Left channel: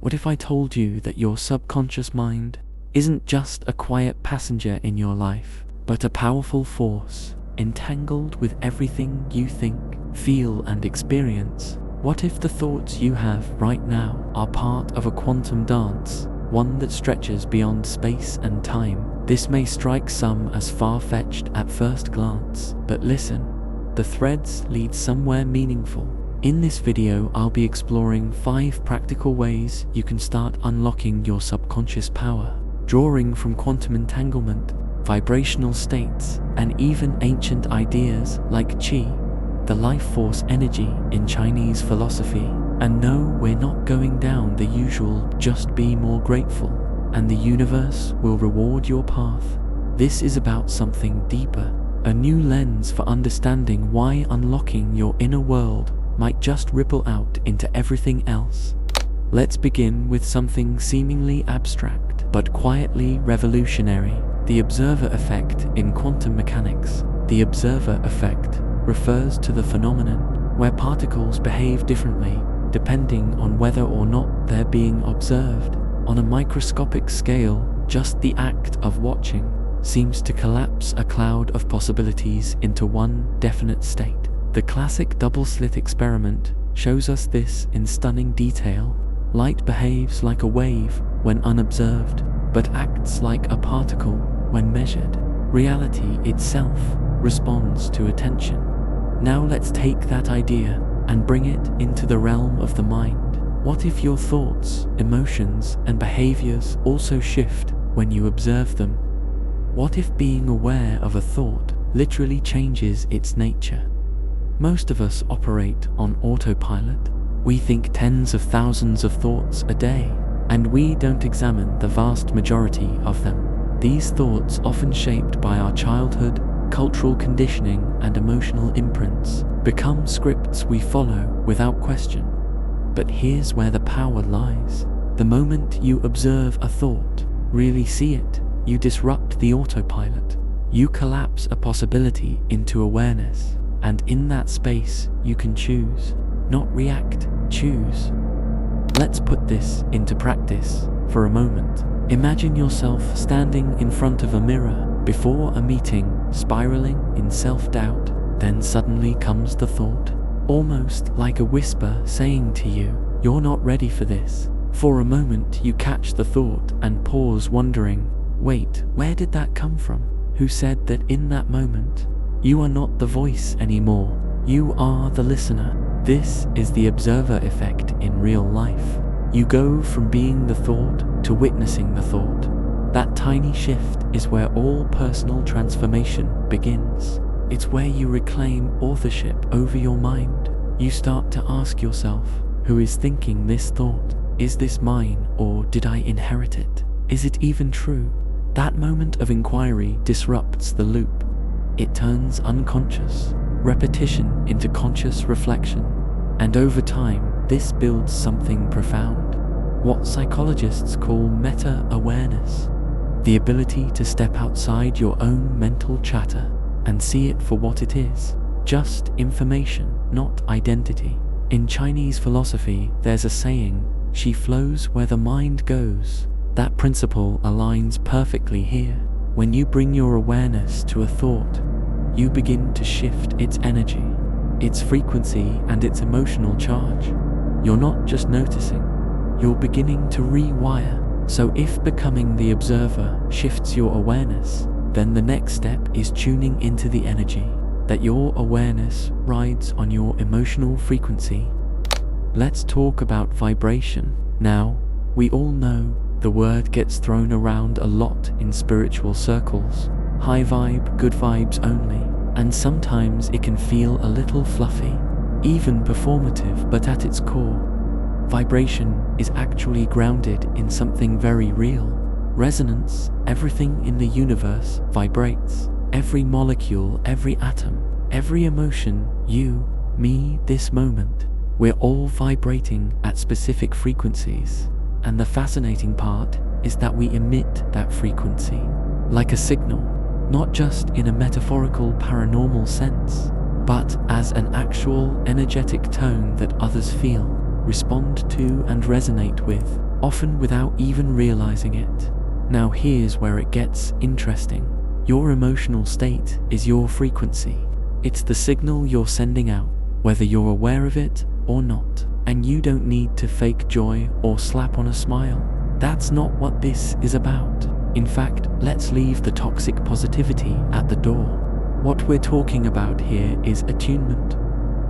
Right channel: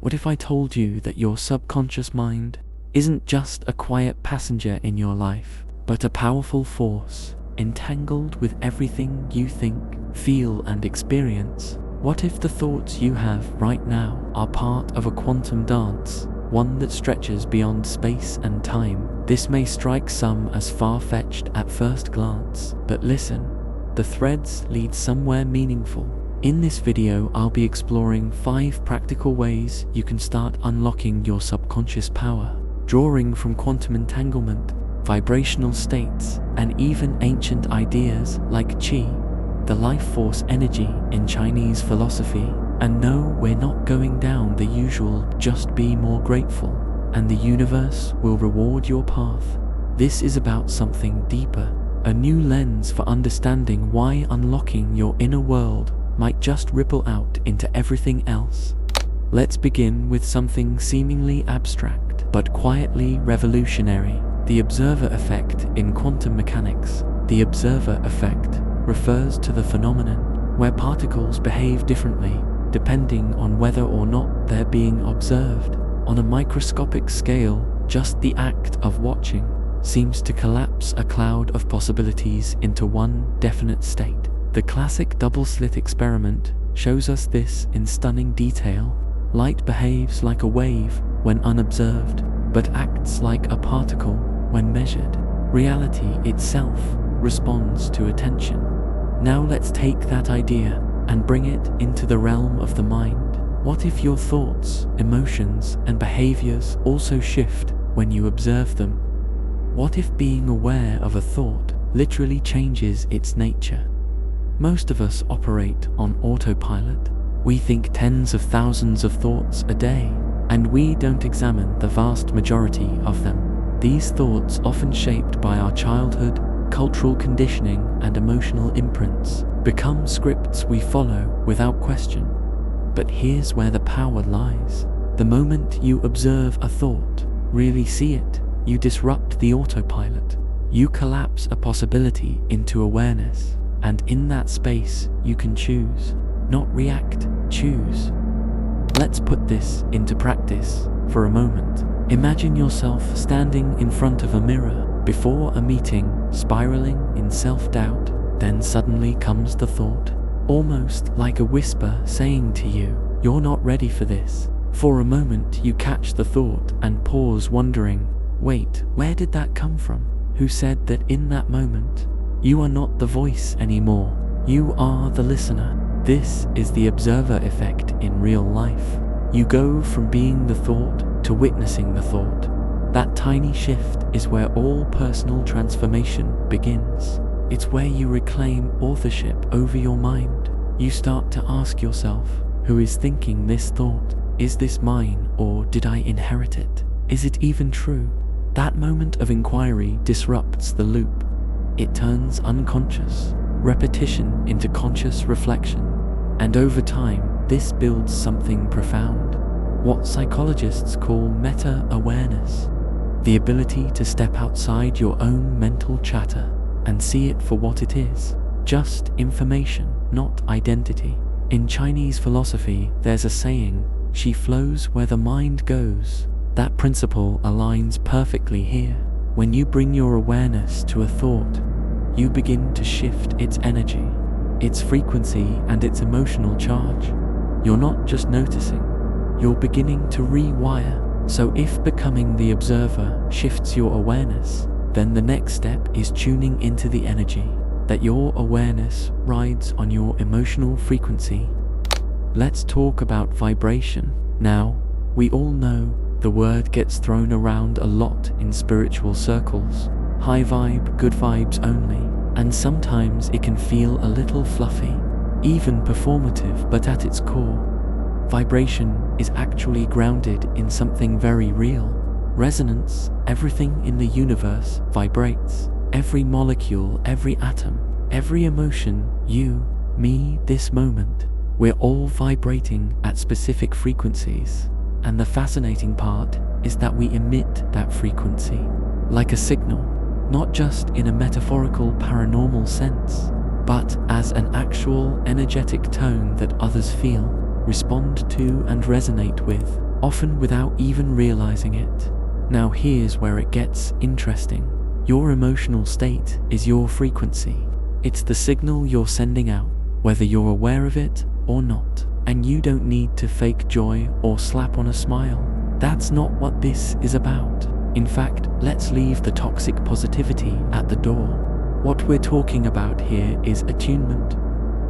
What if I told you that your subconscious mind isn't just a quiet passenger in your life, but a powerful force, entangled with everything you think, feel, and experience? What if the thoughts you have right now are part of a quantum dance, one that stretches beyond space and time? This may strike some as far-fetched at first glance, but listen, the threads lead somewhere meaningful. In this video, I'll be exploring 5 practical ways you can start unlocking your subconscious power, drawing from quantum entanglement, vibrational states, and even ancient ideas like qi, the life force energy in Chinese philosophy. And no, we're not going down the usual just be more grateful and the universe will reward your path. This is about something deeper, a new lens for understanding why unlocking your inner world might just ripple out into everything else. Let's begin with something seemingly abstract, but quietly revolutionary: the observer effect in quantum mechanics. The observer effect refers to the phenomenon where particles behave differently depending on whether or not they're being observed. On a microscopic scale, just the act of watching seems to collapse a cloud of possibilities into one definite state. The classic double-slit experiment shows us this in stunning detail. Light behaves like a wave when unobserved, but acts like a particle when measured. Reality itself responds to attention. Now let's take that idea and bring it into the realm of the mind. What if your thoughts, emotions, and behaviors also shift when you observe them? What if being aware of a thought literally changes its nature? Most of us operate on autopilot. We think tens of thousands of thoughts a day, and we don't examine the vast majority of them. These thoughts, often shaped by our childhood, cultural conditioning, and emotional imprints, become scripts we follow without question. But here's where the power lies. The moment you observe a thought, really see it, you disrupt the autopilot. You collapse a possibility into awareness, and in that space you can choose. Not react, choose. Let's put this into practice for a moment. Imagine yourself standing in front of a mirror before a meeting, spiraling in self-doubt. Then suddenly comes the thought, almost like a whisper saying to you, "You're not ready for this." For a moment you catch the thought and pause, wondering, wait, where did that come from? Who said that in that moment? You are not the voice anymore. You are the listener. This is the observer effect in real life. You go from being the thought to witnessing the thought. That tiny shift is where all personal transformation begins. It's where you reclaim authorship over your mind. You start to ask yourself, who is thinking this thought? Is this mine, or did I inherit it? Is it even true? That moment of inquiry disrupts the loop. It turns unconscious repetition into conscious reflection. And over time, this builds something profound, what psychologists call meta-awareness, the ability to step outside your own mental chatter and see it for what it is, just information, not identity. In Chinese philosophy, there's a saying, "She flows where the mind goes." That principle aligns perfectly here. When you bring your awareness to a thought, you begin to shift its energy, its frequency, and its emotional charge. You're not just noticing, you're beginning to rewire. So if becoming the observer shifts your awareness, then the next step is tuning into the energy that your awareness rides on your emotional frequency. Let's talk about vibration. Now, we all know the word gets thrown around a lot in spiritual circles. High vibe, good vibes only. And sometimes it can feel a little fluffy, even performative, but at its core, vibration is actually grounded in something very real. Resonance. Everything in the universe vibrates. Every molecule, every atom, every emotion, you, me, this moment. We're all vibrating at specific frequencies. And the fascinating part is that we emit that frequency like a signal, not just in a metaphorical paranormal sense, but as an actual energetic tone that others feel, respond to, and resonate with. often without even realizing it. Now here's where it gets interesting. Your emotional state is your frequency. It's the signal you're sending out, whether you're aware of it or not. And you don't need to fake joy or slap on a smile. That's not what this is about. In fact, let's leave the toxic positivity at the door. What we're talking about here is attunement.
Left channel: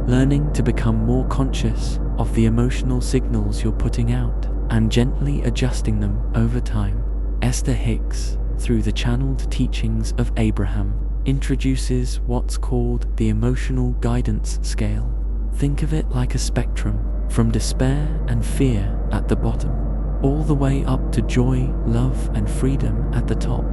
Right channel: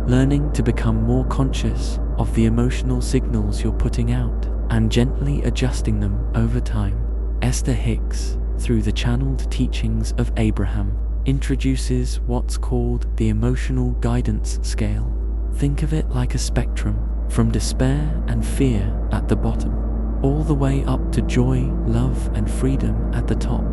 Learning to become more conscious of the emotional signals you're putting out and gently adjusting them over time. Esther Hicks, through the channeled teachings of Abraham, introduces what's called the emotional guidance scale. Think of it like a spectrum, from despair and fear at the bottom, all the way up to joy, love, and freedom at the top.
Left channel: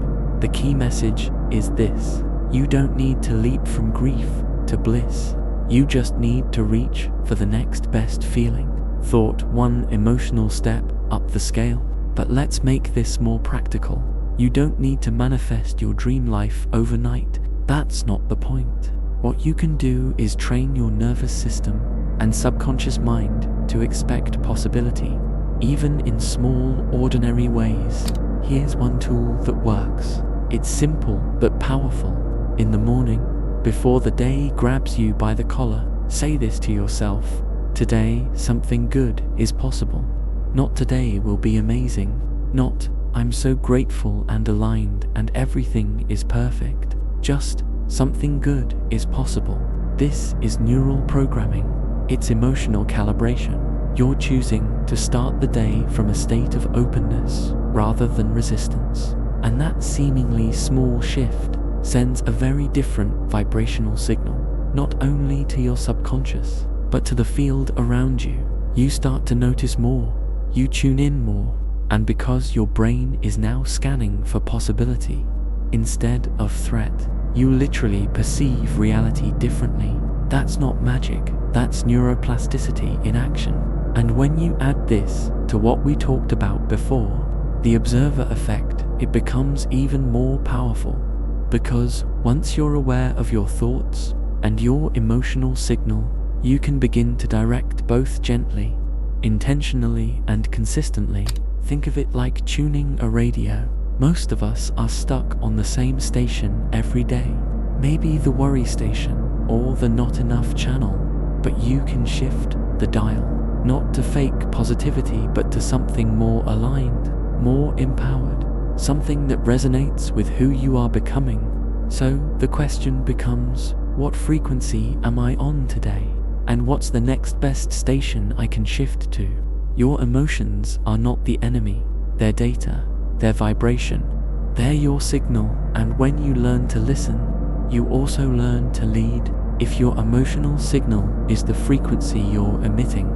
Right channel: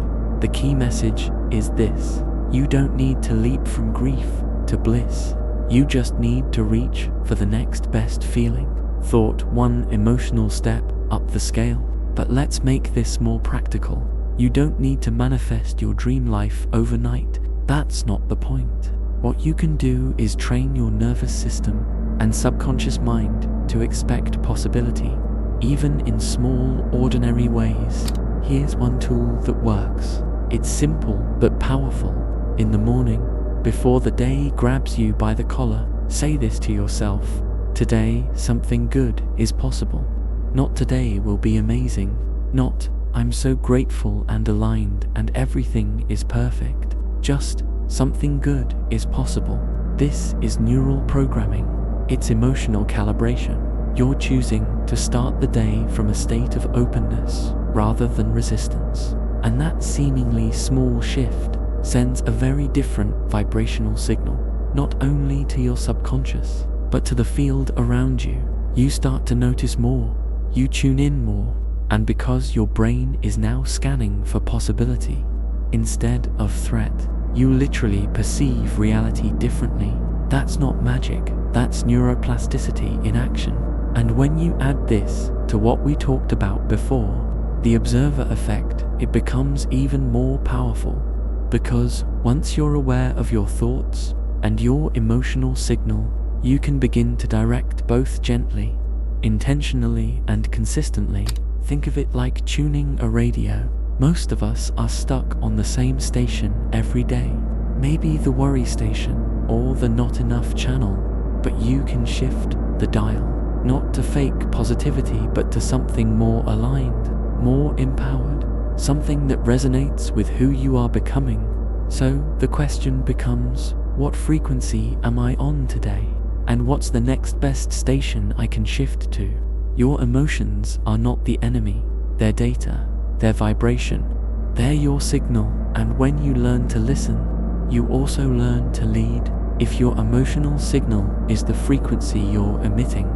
The key message is this: you don't need to leap from grief to bliss. You just need to reach for the next best feeling. Thought, one emotional step up the scale. But let's make this more practical. You don't need to manifest your dream life overnight. That's not the point. What you can do is train your nervous system and subconscious mind to expect possibility, even in small, ordinary ways. Here's one tool that works. It's simple but powerful. In the morning, before the day grabs you by the collar, say this to yourself: today, something good is possible. Not today will be amazing. Not, I'm so grateful and aligned and everything is perfect. Just, something good is possible. This is neural programming. It's emotional calibration. You're choosing to start the day from a state of openness rather than resistance. And that seemingly small shift sends a very different vibrational signal, not only to your subconscious, but to the field around you. You start to notice more, you tune in more, and because your brain is now scanning for possibility instead of threat, you literally perceive reality differently. That's not magic, that's neuroplasticity in action. And when you add this to what we talked about before, the observer effect, it becomes even more powerful. Because once you're aware of your thoughts and your emotional signal, you can begin to direct both gently, intentionally, and consistently. Think of it like tuning a radio. Most of us are stuck on the same station every day. Maybe the worry station or the not enough channel, but you can shift the dial, not to fake positivity but to something more aligned, more empowered, something that resonates with who you are becoming. So the question becomes, what frequency am I on today? And what's the next best station I can shift to? Your emotions are not the enemy, they're data, they're vibration, they're your signal, and when you learn to listen, you also learn to lead. If your emotional signal is the frequency you're emitting,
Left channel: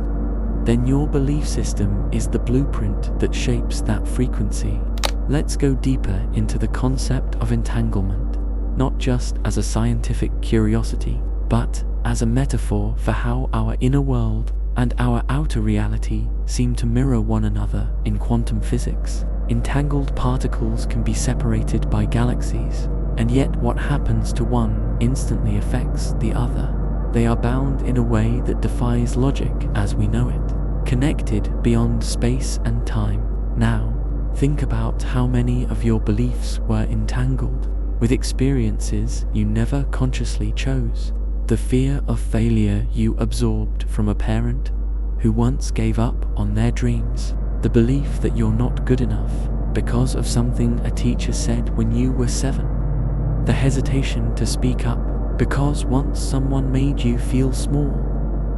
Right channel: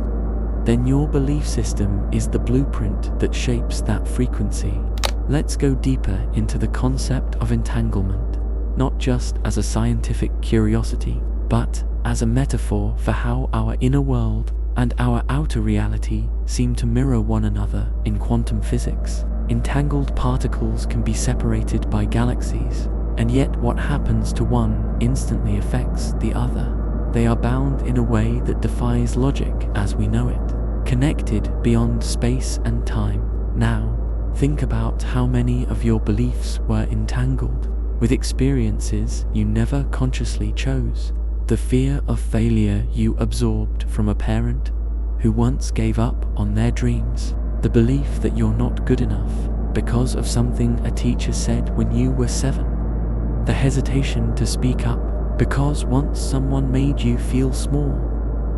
then your belief system is the blueprint that shapes that frequency. Let's go deeper into the concept of entanglement, not just as a scientific curiosity, but as a metaphor for how our inner world and our outer reality seem to mirror one another in quantum physics. Entangled particles can be separated by galaxies, and yet what happens to one instantly affects the other. They are bound in a way that defies logic as we know it, connected beyond space and time. Now, think about how many of your beliefs were entangled with experiences you never consciously chose. The fear of failure you absorbed from a parent who once gave up on their dreams. The belief that you're not good enough because of something a teacher said when you were 7. The hesitation to speak up because once someone made you feel small.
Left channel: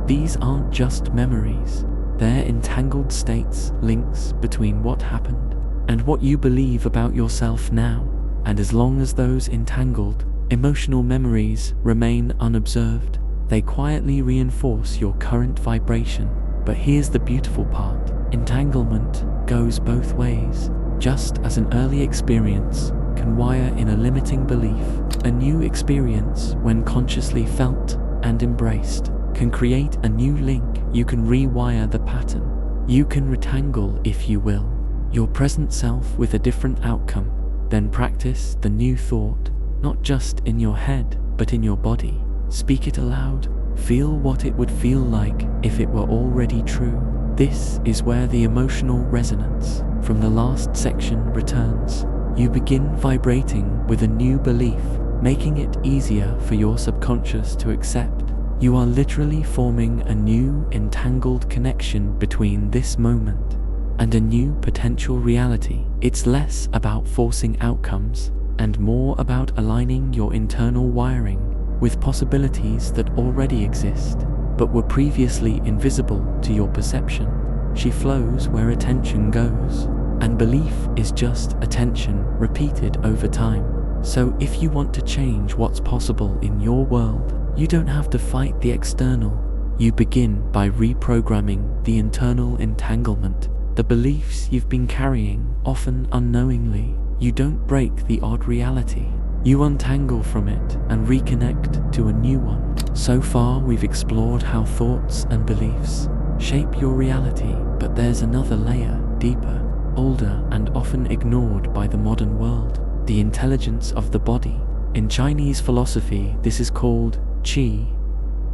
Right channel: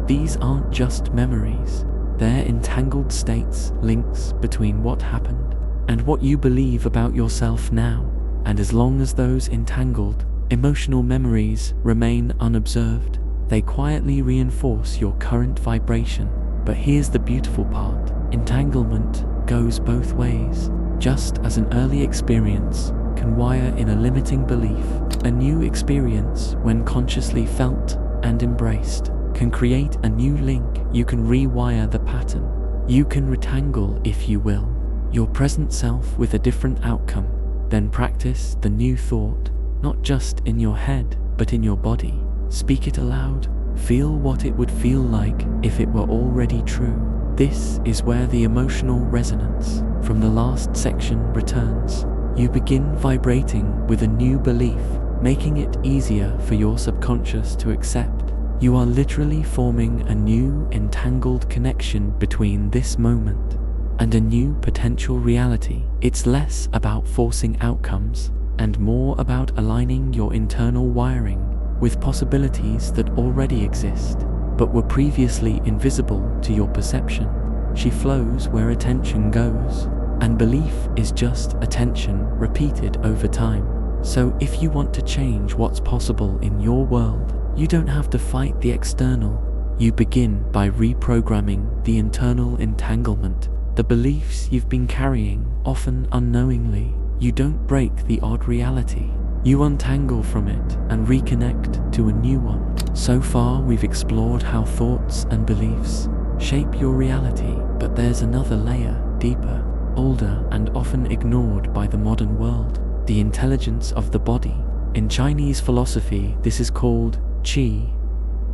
These aren't just memories, they're entangled states, links between what happened and what you believe about yourself now. And as long as those entangled emotional memories remain unobserved, they quietly reinforce your current vibration. But here's the beautiful part. Entanglement goes both ways. Just as an early experience can wire in a limiting belief, a new experience, when consciously felt and embraced, can create a new link. You can rewire the pattern. You can retangle, if you will, your present self with a different outcome. Then practice the new thought, not just in your head, but in your body. Speak it aloud. Feel what it would feel like if it were already true. This is where the emotional resonance from the last section returns. You begin vibrating with a new belief, making it easier for your subconscious to accept. You are literally forming a new entangled connection between this moment and a new potential reality. It's less about forcing outcomes and more about aligning your internal wiring with possibilities that already exist, but were previously invisible to your perception. She flows where attention goes, and belief is just attention repeated over time. So if you want to change what's possible in your world, you don't have to fight the external. You begin by reprogramming the internal entanglement, the beliefs you've been carrying, often unknowingly. You don't break the odd reality. You untangle from it and reconnect to a new one. So far, we've explored how thoughts and beliefs shape your reality, but there's another layer, deeper, older, and often ignored by the modern world: the intelligence of the body. In Chinese philosophy, this is called qi,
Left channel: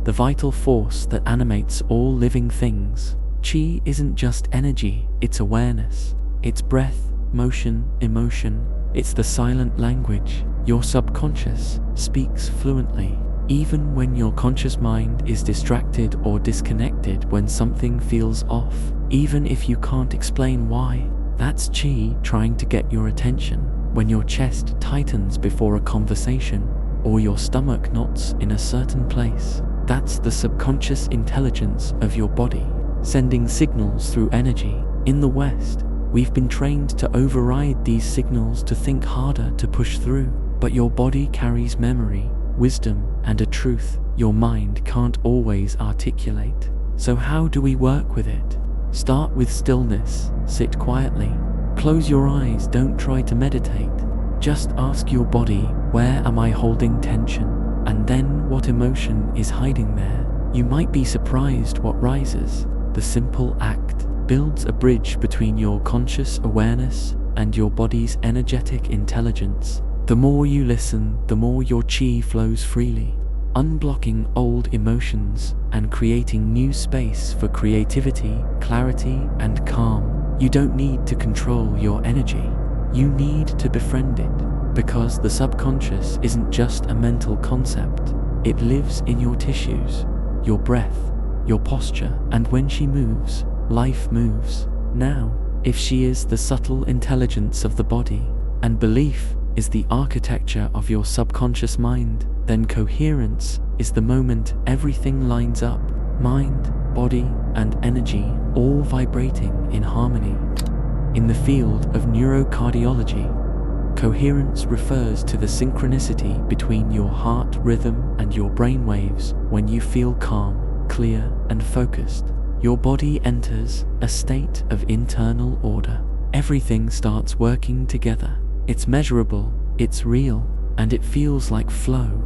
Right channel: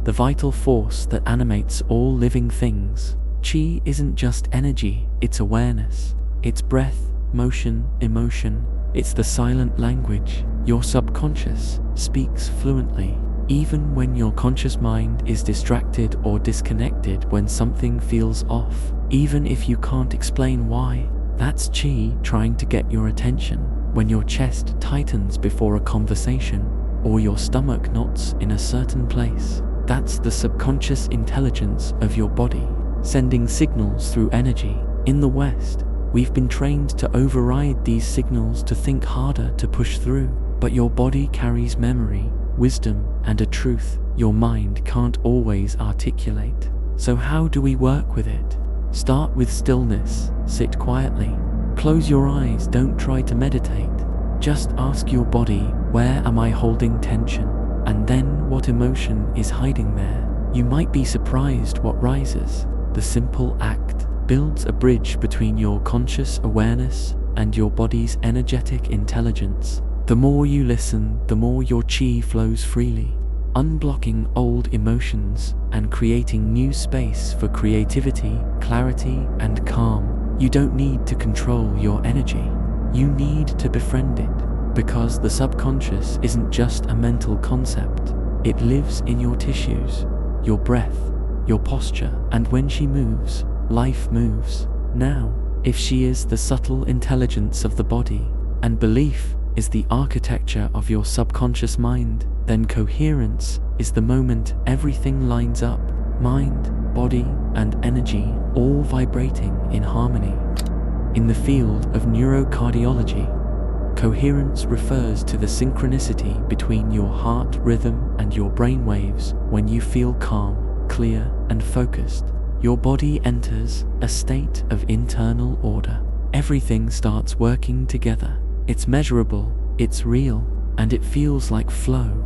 the vital force that animates all living things. Qi isn't just energy, it's awareness. It's breath, motion, emotion. It's the silent language your subconscious speaks fluently, even when your conscious mind is distracted or disconnected. When something feels off, even if you can't explain why, that's qi trying to get your attention. When your chest tightens before a conversation, or your stomach knots in a certain place, that's the subconscious intelligence of your body, sending signals through energy. In the West, we've been trained to override these signals, to think harder, to push through. But your body carries memory, wisdom, and a truth your mind can't always articulate. So how do we work with it? Start with stillness. Sit quietly. Close your eyes. Don't try to meditate. Just ask your body, where am I holding tension? And then, what emotion is hiding there? You might be surprised what rises. The simple act builds a bridge between your conscious awareness and your body's energetic intelligence. The more you listen, the more your qi flows freely, unblocking old emotions and creating new space for creativity, clarity, and calm. You don't need to control your energy. You need to befriend it, because the subconscious isn't just a mental concept. It lives in your tissues, your breath, your posture, and when she moves, life moves. Now, if she is the subtle intelligence of the body, and belief is the architecture of your subconscious mind, then coherence is the moment everything lines up: mind, body, and energy all vibrating in harmony. In the field of neurocardiology, coherence refers to the synchronicity between your heart rhythm and your brain waves. When you feel calm, clear, and focused, your body enters a state of internal order. Everything starts working together. It's measurable, it's real, and it feels like flow.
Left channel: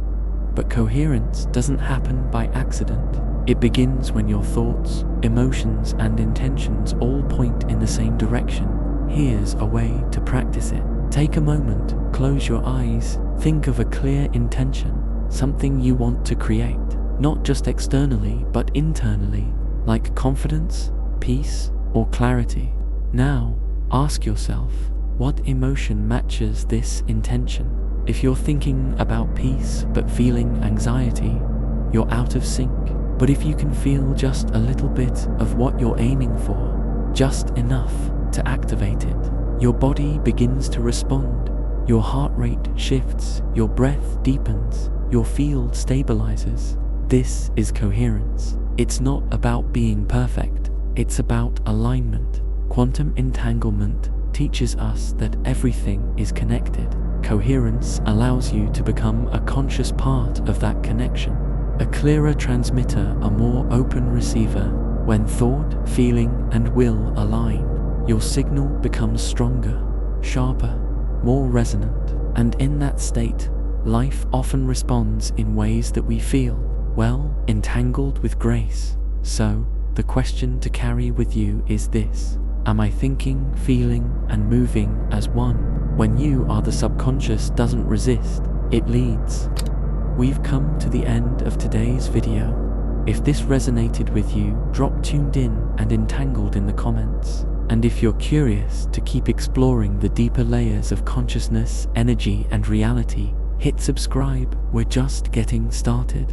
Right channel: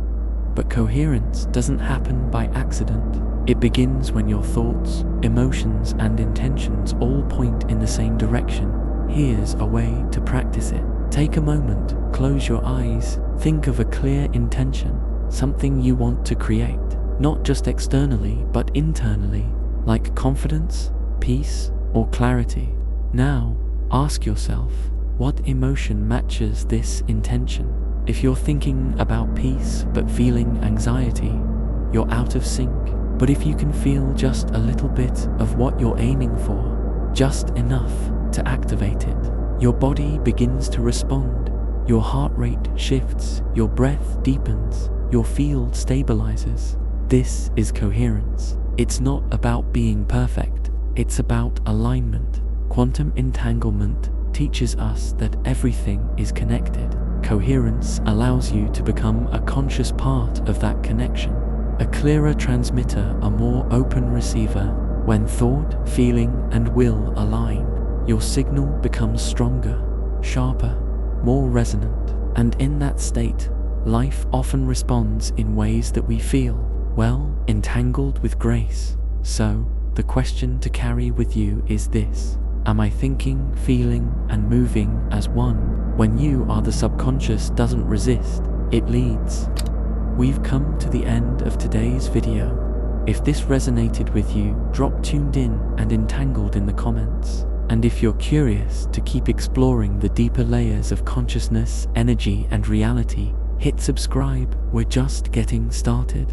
But coherence doesn't happen by accident. It begins when your thoughts, emotions, and intentions all point in the same direction. Here's a way to practice it. Take a moment, close your eyes, think of a clear intention, something you want to create, not just externally but internally, like confidence, peace, or clarity. Now, ask yourself, what emotion matches this intention? If you're thinking about peace but feeling anxiety, you're out of sync. But if you can feel just a little bit of what you're aiming for, just enough to activate it, your body begins to respond. Your heart rate shifts, your breath deepens, your field stabilizes. This is coherence. It's not about being perfect, it's about alignment. Quantum entanglement teaches us that everything is connected. Coherence allows you to become a conscious part of that connection, a clearer transmitter, a more open receiver. When thought, feeling, and will align, your signal becomes stronger, sharper, more resonant, and in that state, life often responds in ways that we feel, well, entangled with grace. So, the question to carry with you is this: am I thinking, feeling, and moving as one? When you are, the subconscious doesn't resist, it leads. We've come to the end of today's video. If this resonated with you, drop tuned in and entangled in the comments. And if you're curious to keep exploring the deeper layers of consciousness, energy, and reality, hit subscribe. We're just getting started.